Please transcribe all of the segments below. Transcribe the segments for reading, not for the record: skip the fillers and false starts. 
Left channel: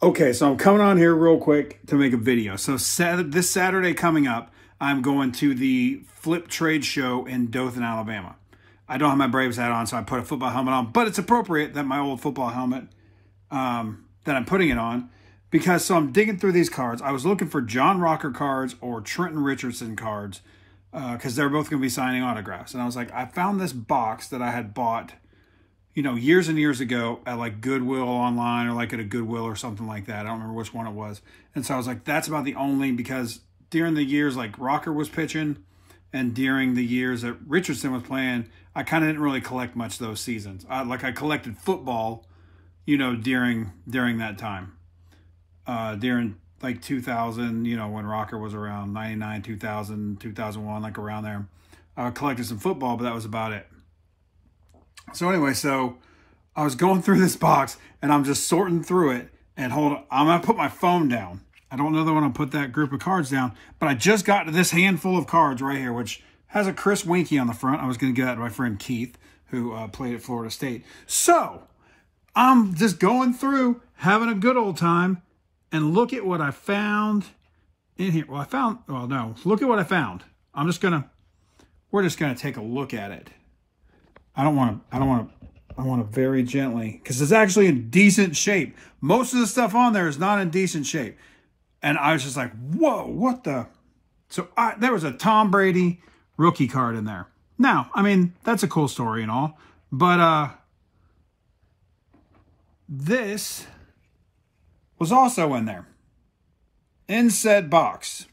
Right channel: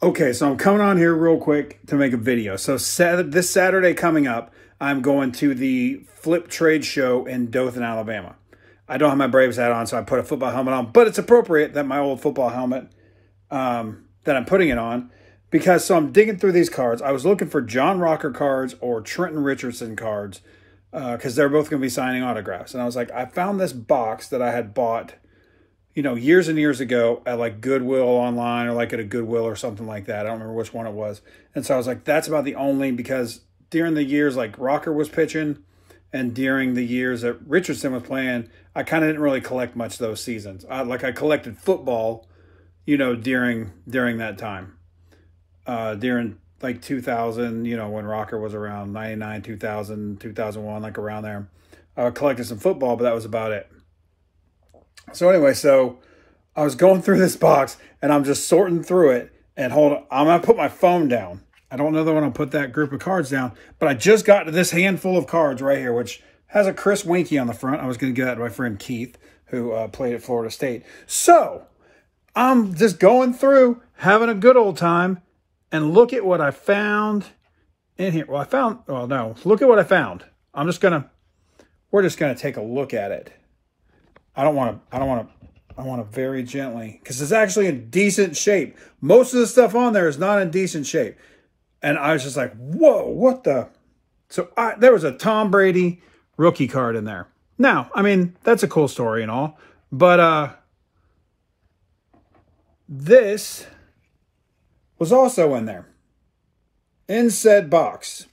Okay, so I'm coming on here real quick to make a video. So this Saturday coming up, I'm going to the Flip Trade Show in Dothan, Alabama. I don't have my Braves hat on, so I put a football helmet on, but it's appropriate that my old football helmet, that I'm putting it on, because so I'm digging through these cards. I was looking for John Rocker cards or Trent Richardson cards, because they're both going to be signing autographs. And I was like, I found this box that I had bought, you know, years and years ago at like Goodwill online or like at a Goodwill or something like that. I don't remember which one it was. And so I was like, that's about the only, because during the years like Rocker was pitching and during the years that Richardson was playing, I kind of didn't really collect much those seasons. I collected football, you know, during that time. During like 2000, you know, when Rocker was around 99, 2000, 2001, like around there. I collected some football, but that was about it. So anyway, so I was going through this box and I'm just sorting through it. And hold on, I'm going to put my phone down. I don't know that I want to put that group of cards down, but I just got to this handful of cards right here, which has a Chris Winkie on the front. I was going to get that to my friend Keith, who played at Florida State. So I'm just going through, having a good old time, and look at what I found in here. Well, look at what I found. We're just going to take a look at it. I want to very gently, because it's actually in decent shape. Most of the stuff on there is not in decent shape. And I was just like, whoa, what the? So there was a Tom Brady rookie card in there. Now, I mean, that's a cool story and all, but this was also in there, in said box,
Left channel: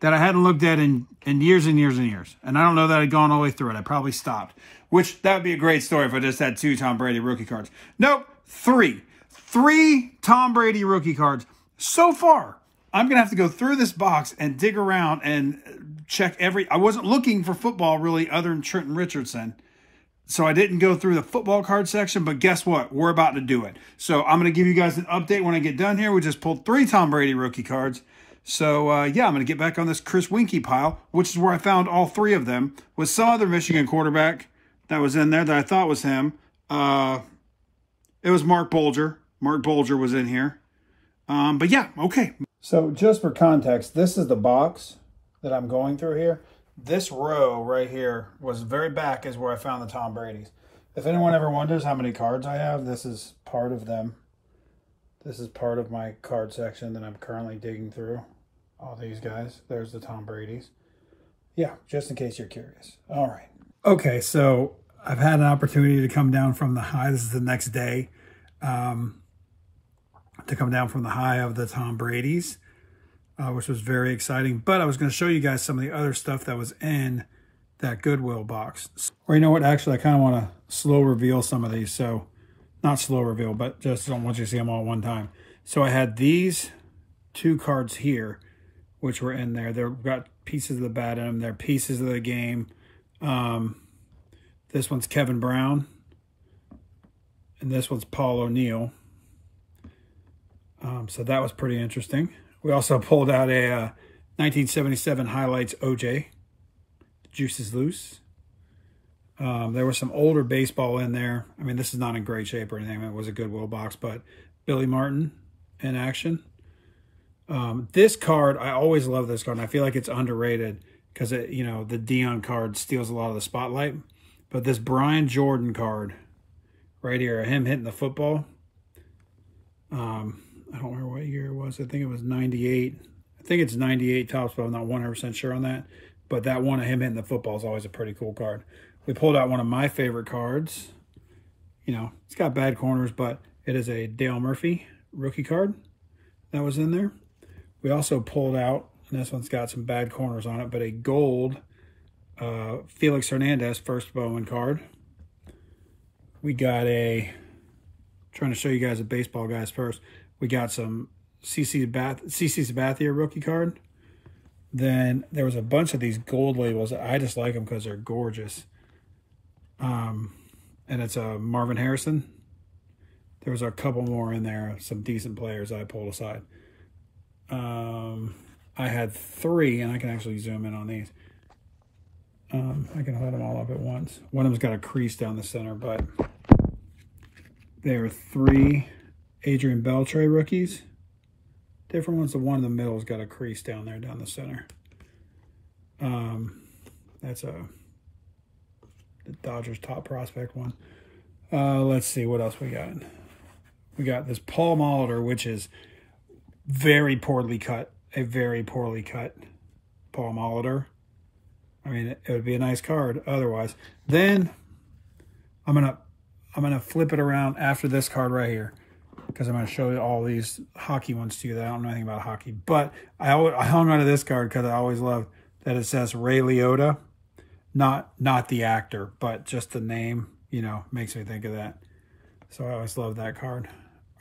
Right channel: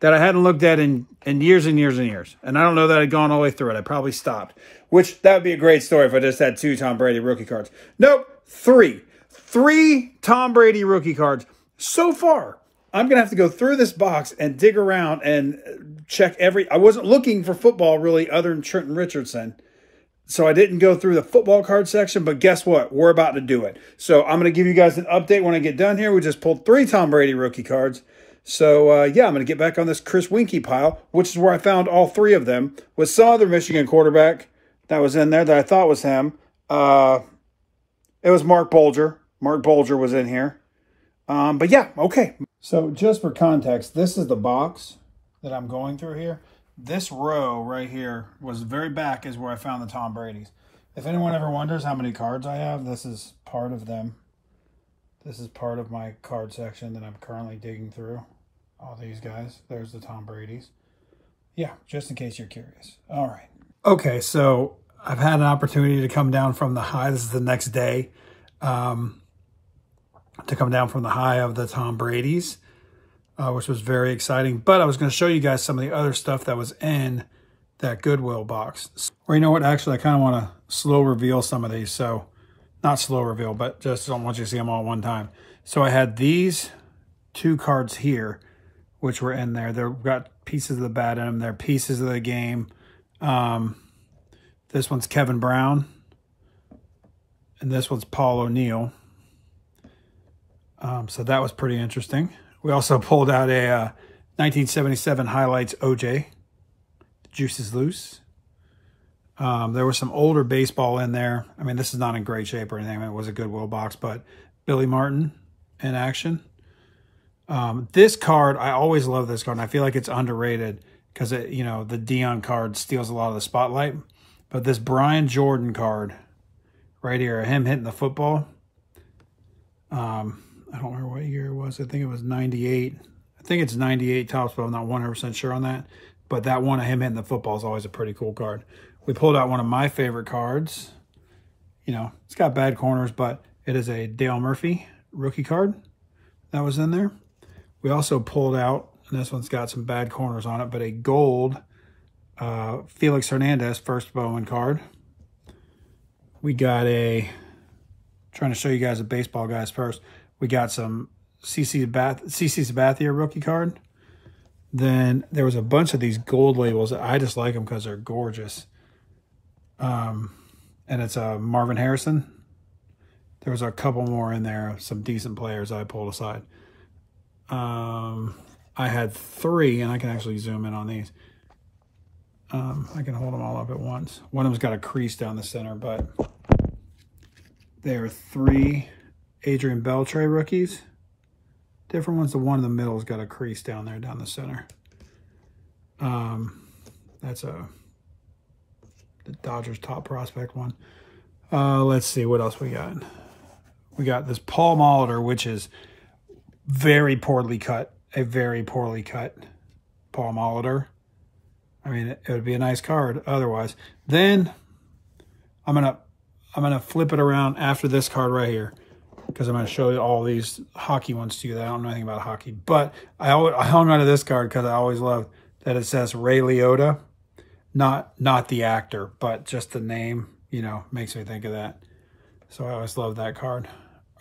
that I hadn't looked at in years and years and years. And I don't know that I'd gone all the way through it. I probably stopped, which that would be a great story if I just had 2 Tom Brady rookie cards. Nope, 3. 3 Tom Brady rookie cards. So far, I'm going to have to go through this box and dig around and check I wasn't looking for football really other than Trent Richardson. So I didn't go through the football card section, but guess what? We're about to do it. So I'm going to give you guys an update when I get done here. We just pulled 3 Tom Brady rookie cards. So, yeah, I'm going to get back on this Chris Winkie pile, which is where I found all 3 of them, with some other Michigan quarterback that was in there that I thought was him. It was Mark Bolger. Mark Bolger was in here. But, yeah, okay. So, just for context, this is the box that I'm going through here. This row right here was very back is where I found the Tom Brady's. If anyone ever wonders how many cards I have, this is part of them. This is part of my card section that I'm currently digging through. All these guys. There's the Tom Brady's. Yeah, just in case you're curious. All right. Okay, so I've had an opportunity to come down from the high. This is the next day. To come down from the high of the Tom Brady's, which was very exciting. But I was going to show you guys some of the other stuff that was in that Goodwill box. Or you know what? Actually, I kind of want to slow reveal some of these. So, not slow reveal, but just don't want you to see them all at one time. So I had these 2 cards here, which were in there. They've got pieces of the bat in them. They're pieces of the game. This one's Kevin Brown. And this one's Paul O'Neill. So that was pretty interesting. We also pulled out a 1977 Highlights OJ. Juice is loose. There was some older baseball in there. I mean, this is not in great shape or anything. It was a Goodwill box, but Billy Martin in action. This card, I always love this card. And I feel like it's underrated because, you know, the Dion card steals a lot of the spotlight. But this Brian Jordan card right here, him hitting the football. I don't remember what year it was. I think it was 98. I think it's 98 tops, but I'm not 100% sure on that. But that one of him hitting the football is always a pretty cool card. We pulled out one of my favorite cards. You know, it's got bad corners, but it is a Dale Murphy rookie card that was in there. We also pulled out, and this one's got some bad corners on it, but a gold Felix Hernandez first Bowman card. We got trying to show you guys the baseball guys first. We got some CC Sabathia rookie card. Then there was a bunch of these gold labels. I just like them because they're gorgeous. And it's a Marvin Harrison. There was a couple more in there, some decent players I pulled aside. I had 3, and I can actually zoom in on these. I can hold them all up at once. One of them's got a crease down the center, but there are 3 Adrian Beltre rookies. Different ones. The one in the middle's got a crease down there, down the center. That's the Dodgers top prospect one. Let's see what else we got. We got this Paul Molitor, which is very poorly cut. A very poorly cut Paul Molitor. I mean, it would be a nice card otherwise. Then I'm gonna flip it around after this card right here, because I'm gonna show you all these hockey ones to you that I don't know anything about hockey. But I hung on to this card because I always loved that it says Ray Liotta, not the actor, but just the name. You know, makes me think of that. So I always love that card.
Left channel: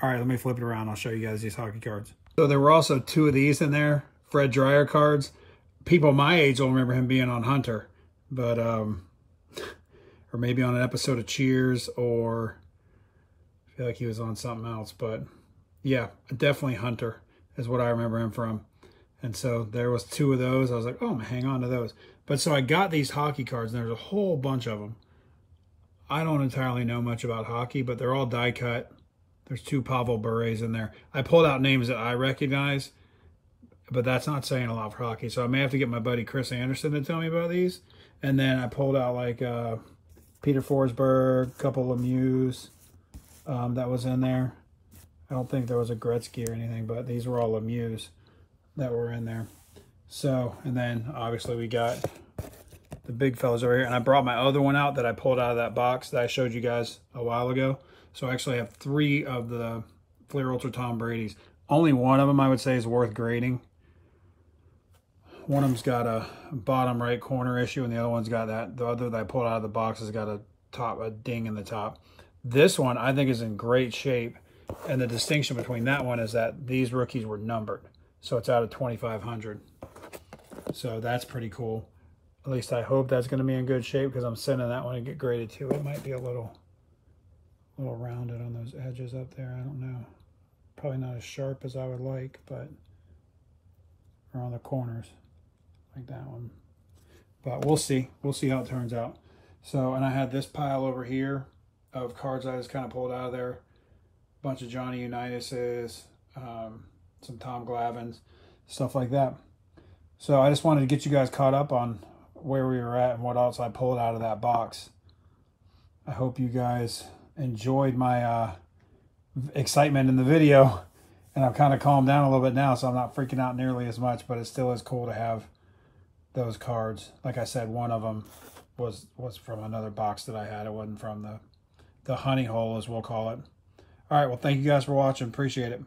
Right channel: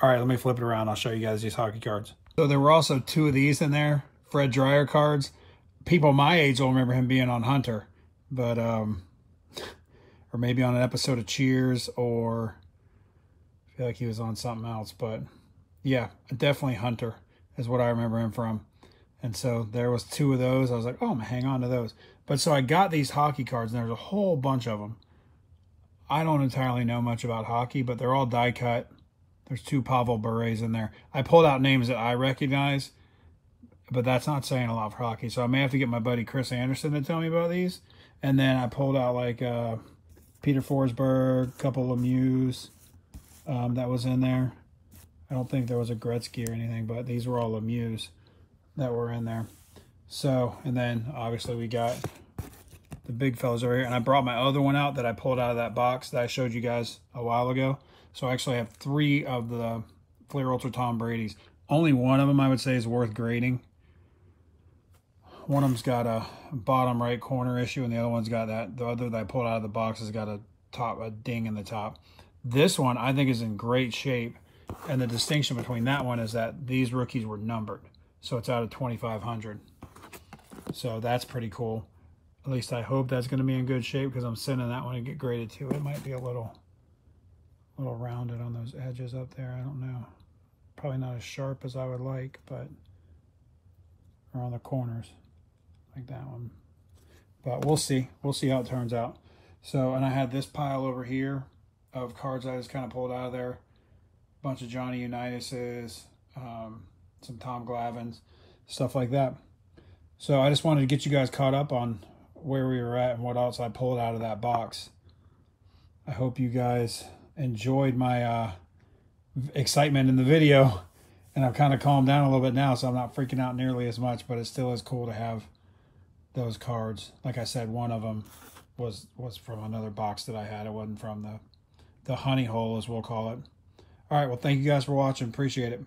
All right, let me flip it around. I'll show you guys these hockey cards. So there were also 2 of these in there, Fred Dryer cards. People my age will remember him being on Hunter, but or maybe on an episode of Cheers, or I feel like he was on something else. But yeah, definitely Hunter is what I remember him from. And so there was 2 of those. I was like, oh, I'm gonna hang on to those. But so I got these hockey cards, and there's a whole bunch of them. I don't entirely know much about hockey, but they're all die cut. There's 2 Pavel Bure's in there. I pulled out names that I recognize, but that's not saying a lot for hockey. So I may have to get my buddy Chris Anderson to tell me about these. And then I pulled out like Peter Forsberg, a couple Lemieux that was in there. I don't think there was a Gretzky or anything, but these were all Lemieux that were in there. So, and then obviously we got the big fellas over here. And I brought my other one out that I pulled out of that box that I showed you guys a while ago. So I actually have 3 of the Fleer Ultra Tom Brady's. Only one of them I would say is worth grading. One of them's got a bottom right corner issue, and the other one's got that. The other that I pulled out of the box has got a ding in the top. This one I think is in great shape. And the distinction between that one is that these rookies were numbered. So it's out of 2,500. So that's pretty cool. At least I hope that's going to be in good shape, because I'm sending that one to get graded too. It might be a little rounded on those edges up there. I don't know. Probably not as sharp as I would like, but around the corners like that one. But we'll see. We'll see how it turns out. So, and I had this pile over here of cards I just kind of pulled out of there. A bunch of Johnny Unitas's, some Tom Glavines, stuff like that. So I just wanted to get you guys caught up on where we were at and what else I pulled out of that box. I hope you guys enjoyed my excitement in the video, and I've kind of calmed down a little bit now, so I'm not freaking out nearly as much, but it still is cool to have those cards. Like I said, one of them was from another box that I had. It wasn't from the honey hole, as we'll call it. All right, well, thank you guys for watching. Appreciate it.